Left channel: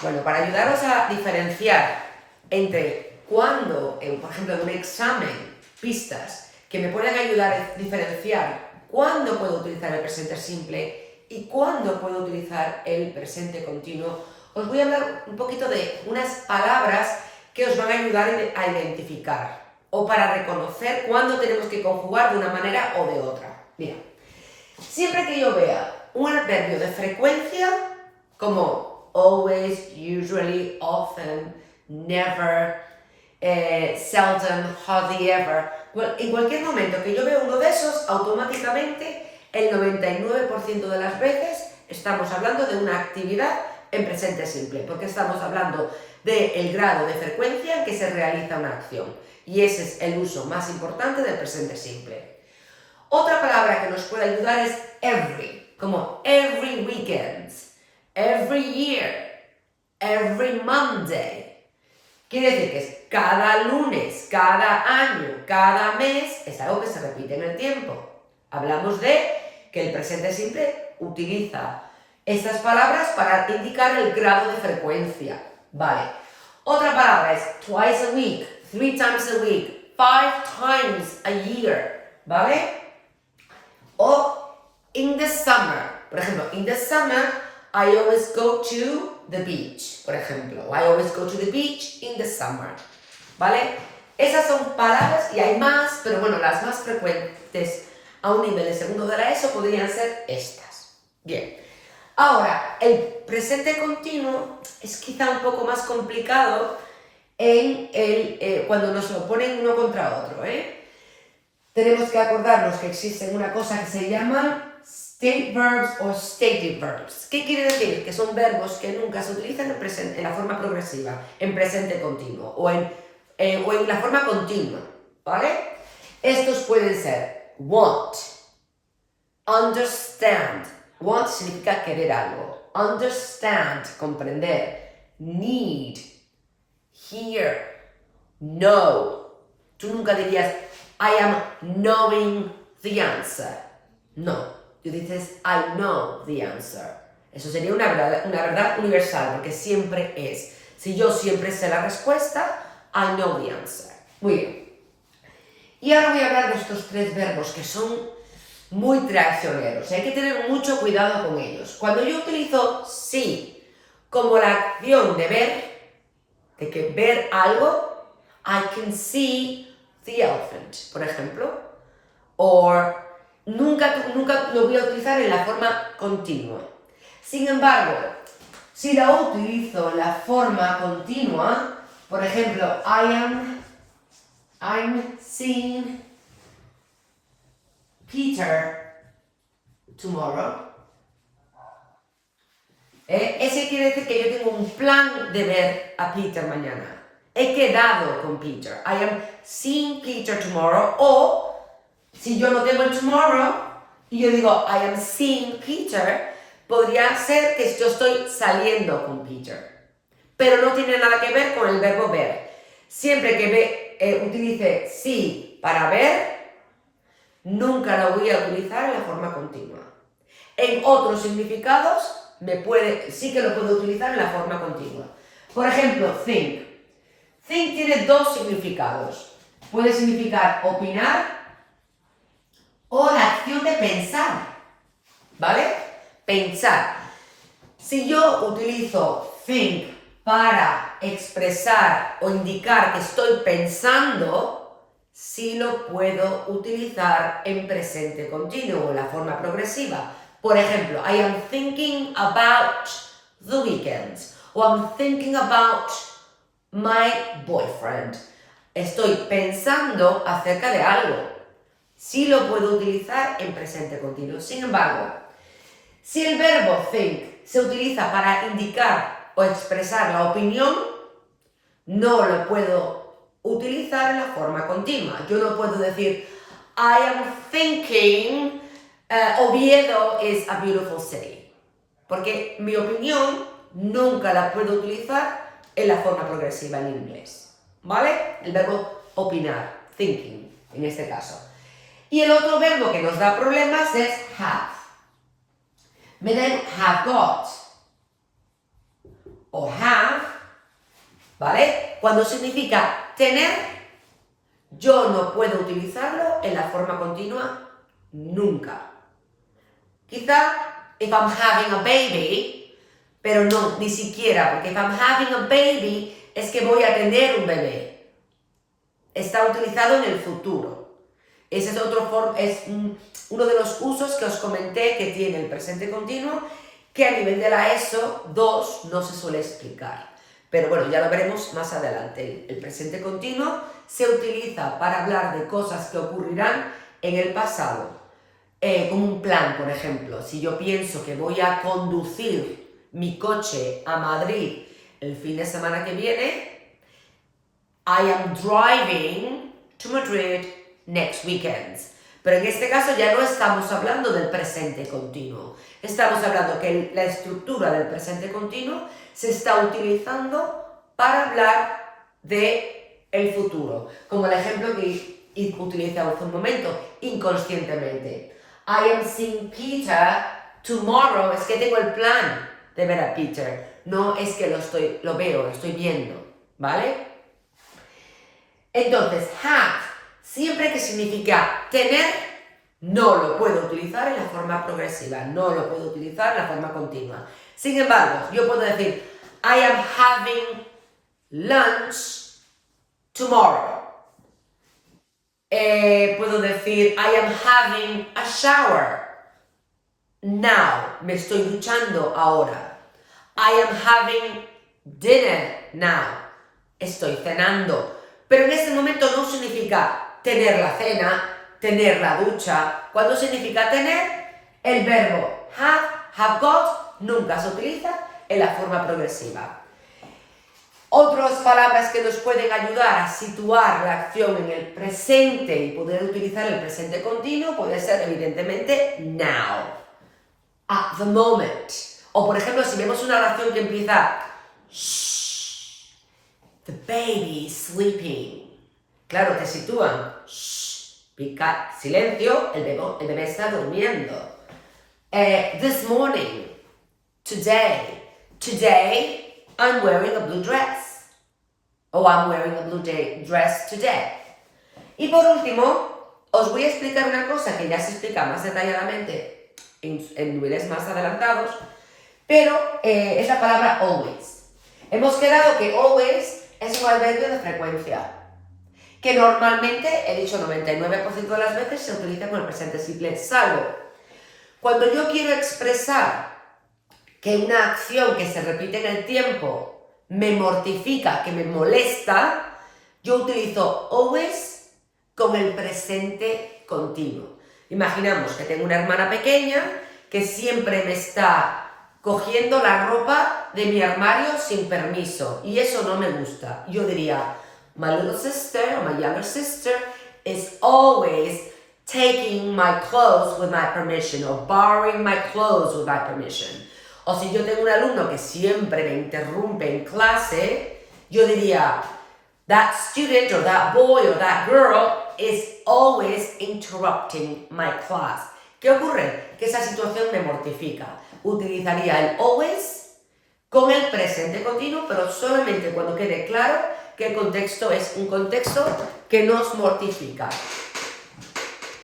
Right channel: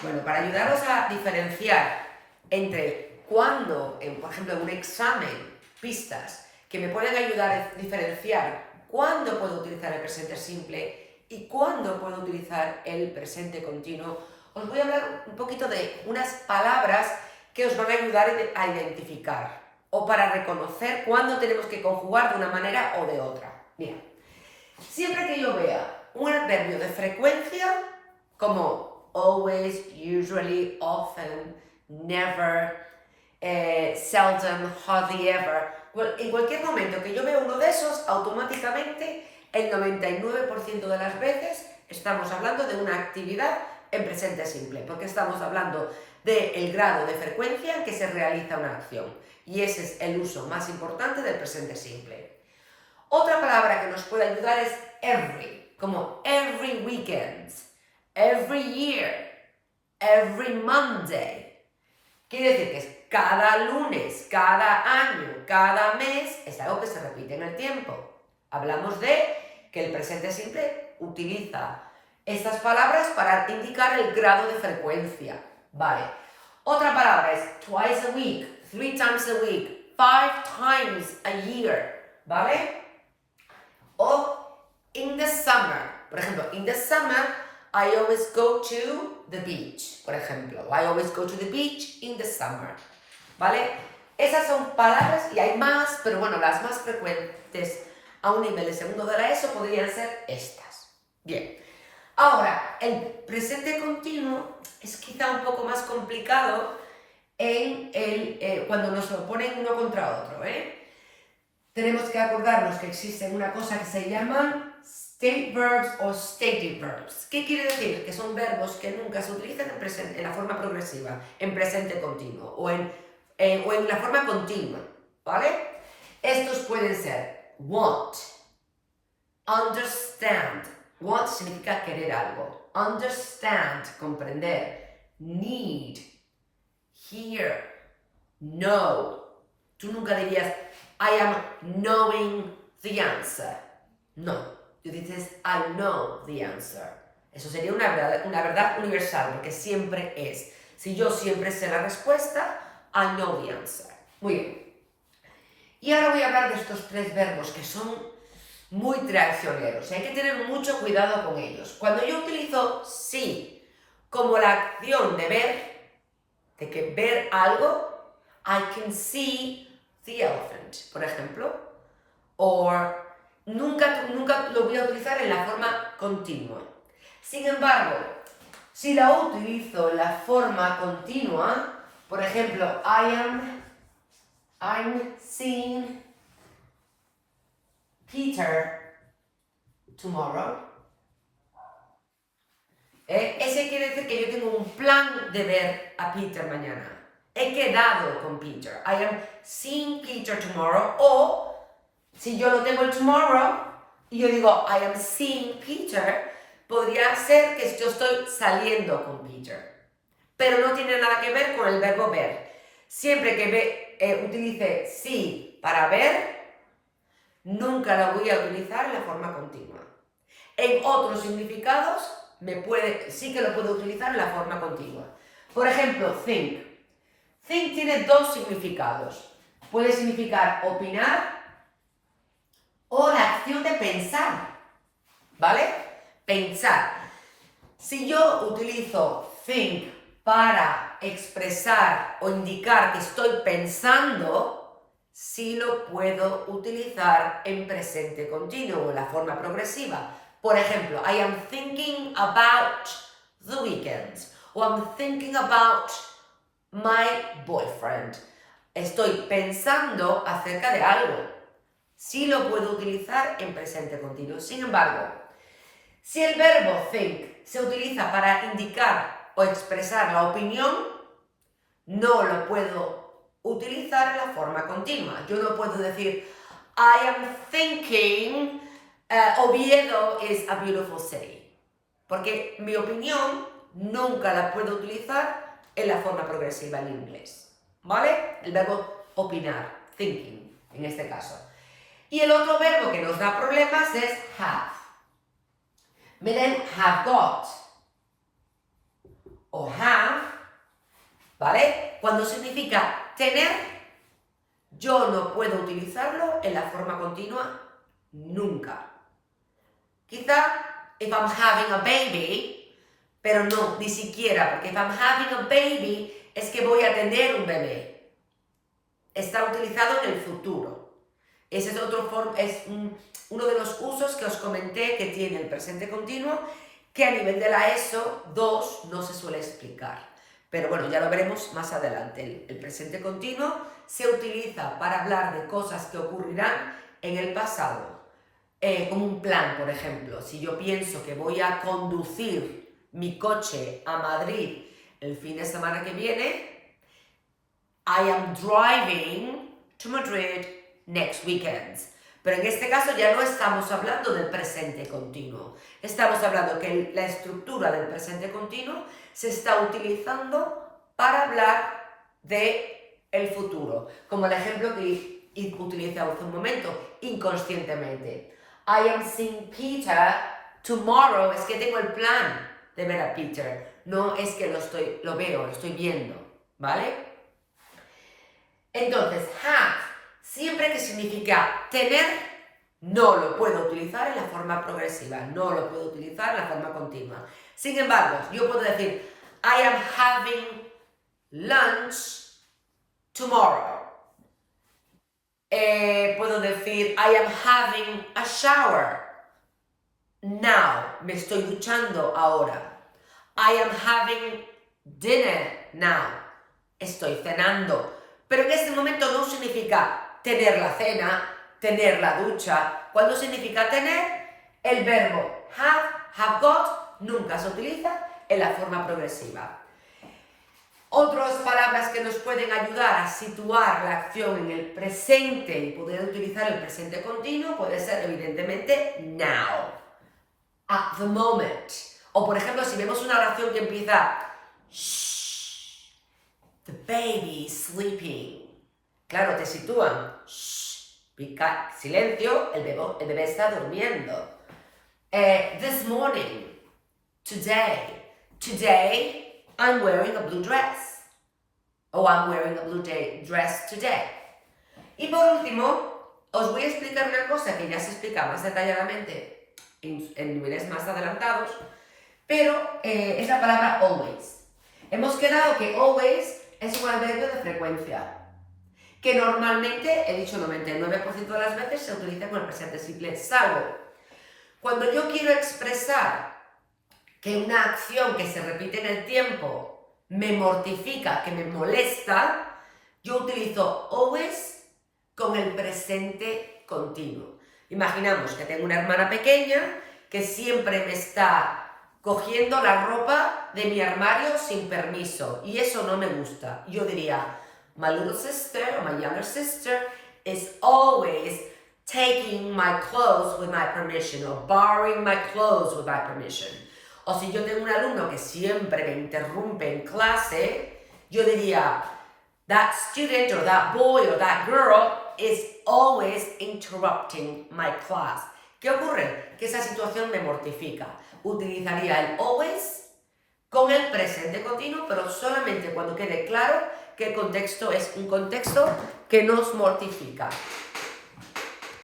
Bueno, para ayudaros a diferenciar entre cuando, por ejemplo, en un examen, pistas que me pueden ayudar a diferenciar cuándo puedo utilizar el presente simple y cuándo puedo utilizar el presente continuo, os voy a hablar un poquito de unas palabras que os van a ayudar a identificar o para reconocer cuándo tenemos que conjugar de una manera o de otra. Mira, siempre que yo vea un adverbio de frecuencia como always, usually, often, never, seldom, hardly ever, en cualquier momento que yo vea uno de esos, automáticamente el 99% de las veces estamos hablando de una actividad en presente simple, porque estamos hablando del grado de frecuencia en que se realiza una acción, y ese es el uso más importante del presente simple. Otra palabra que nos puede ayudar es every, como every weekend, every year, every Monday. Quiere decir que es cada lunes, cada año, cada mes, es algo que se repite en el tiempo. Hablamos de que el presente simple utiliza estas palabras para indicar el grado de frecuencia. Vale. Otra palabra es twice a week, 3 times a week, 5 times a year. ¿Vale? O in the summer. Por ejemplo, in the summer, I always go to the beach. Por ejemplo, I always go to the beach in the summer. ¿Vale? Esas son palabras, y hay más, pero bueno, las más frecuentes a un nivel de segundo de la ESO podrían ser estas. Bien. Ahora, el presente continuo es quizá un poco más complicado cuando nos lo ponen uno contra otro, Tenemos que acordarnos que existen una cosa que se llaman state verbs o stative verbs. ¿Qué quiere decir? Que son verbos que nunca se utilizan en la forma progresiva, en presente continuo o en la forma continua, ¿vale? Estos pueden ser want, understand. Want significa querer algo. Understand, comprender. Need, hear, know. Tú nunca dirías I am knowing the answer. No, tú dices I know the answer. Eso sería una verdad universal, porque siempre es. Si yo siempre sé la respuesta, I know the answer. Muy bien. Y ahora voy a hablar de estos 3 verbos que son muy traicioneros. Hay que tener mucho cuidado con ellos. Cuando yo utilizo see como la acción de ver, de que ver algo, I can see the elephant, por ejemplo. O nunca lo voy a utilizar en la forma continua. Sin embargo, si la utilizo en la forma continua, por ejemplo, I'm seeing Peter tomorrow. Ese quiere decir que yo tengo un plan de ver a Peter mañana. He quedado con Peter. I am seeing Peter tomorrow. O, si yo no tengo el tomorrow, y yo digo I am seeing Peter, podría ser que yo estoy saliendo con Peter. Pero no tiene nada que ver con el verbo ver. Siempre que utilice see para ver, nunca lo voy a utilizar en la forma continua. En otros significados, sí que lo puedo utilizar en la forma continua. Por ejemplo, think. Think tiene 2 significados. Puede significar opinar o la acción de pensar. ¿Vale? Pensar. Si yo utilizo think para expresar o indicar que estoy pensando, sí lo puedo utilizar en presente continuo o en la forma progresiva. Por ejemplo, I am thinking about the weekend. O I'm thinking about my boyfriend. Estoy pensando acerca de algo. Sí lo puedo utilizar en presente continuo. Sin embargo, si el verbo think se utiliza para indicar o expresar la opinión, no lo puedo utilizar en la forma continua. Yo no puedo decir I am thinking Oviedo is a beautiful city. Porque mi opinión nunca la puedo utilizar en la forma progresiva en inglés. ¿Vale? El verbo opinar, thinking, en este caso. Y el otro verbo que nos da problemas es have. Me den have got o have, ¿vale? Cuando significa tener, yo no puedo utilizarlo en la forma continua nunca. Quizá, if I'm having a baby, pero no, ni siquiera, porque if I'm having a baby es que voy a tener un bebé. Está utilizado en el futuro. Ese es uno de los usos que os comenté que tiene el presente continuo, que a nivel de la ESO 2 no se suele explicar. Pero bueno, ya lo veremos más adelante. El presente continuo se utiliza para hablar de cosas que ocurrirán en el pasado. Como un plan, por ejemplo. Si yo pienso que voy a conducir mi coche a Madrid el fin de semana que viene, I am driving to Madrid next weekend. Pero en este caso ya no estamos hablando del presente continuo. Estamos hablando que la estructura del presente continuo se está utilizando para hablar de el futuro. Como el ejemplo que utilicé hace un momento, inconscientemente. I am seeing Peter tomorrow. Es que tengo el plan de ver a Peter. No es que lo veo, lo estoy viendo. ¿Vale? Entonces, have, siempre que significa tener, no lo puedo utilizar en la forma progresiva, no lo puedo utilizar en la forma continua. Sin embargo, yo puedo decir, I am having lunch tomorrow. Puedo decir, I am having a shower now. Me estoy duchando ahora. I am having dinner now. Estoy cenando. Pero en este momento no significa tener la cena, tener la ducha. Cuando significa tener, el verbo have got, nunca se utiliza en la forma progresiva. Otras palabras que nos pueden ayudar a situar la acción en el presente y poder utilizar el presente continuo puede ser evidentemente now, at the moment. O por ejemplo, si vemos una oración que empieza shh, the baby is sleeping. Claro, te sitúan. Shh, silencio, el bebé está durmiendo. This morning, today, I'm wearing a blue dress. Oh, I'm wearing a blue dress today. Y por último, os voy a explicar una cosa que ya se explica más detalladamente en niveles más adelantados, pero es la palabra always. Hemos quedado que always es un adverbio de frecuencia, que normalmente, he dicho 99% de las veces, se utiliza con el presente simple, salvo cuando yo quiero expresar que una acción que se repite en el tiempo me mortifica, que me molesta, yo utilizo always con el presente continuo. Imaginamos que tengo una hermana pequeña que siempre me está cogiendo la ropa de mi armario sin permiso y eso no me gusta. Yo diría, my little sister or my younger sister is always taking my clothes with my permission or borrowing my clothes with my permission. O si yo tengo un alumno que siempre me interrumpe en clase, yo diría, that student or that boy or that girl is always interrupting my class. ¿Qué ocurre? Que esa situación me mortifica. Utilizaría el always con el presente continuo, pero solamente cuando quede claro que el contexto es un contexto que nos mortifica.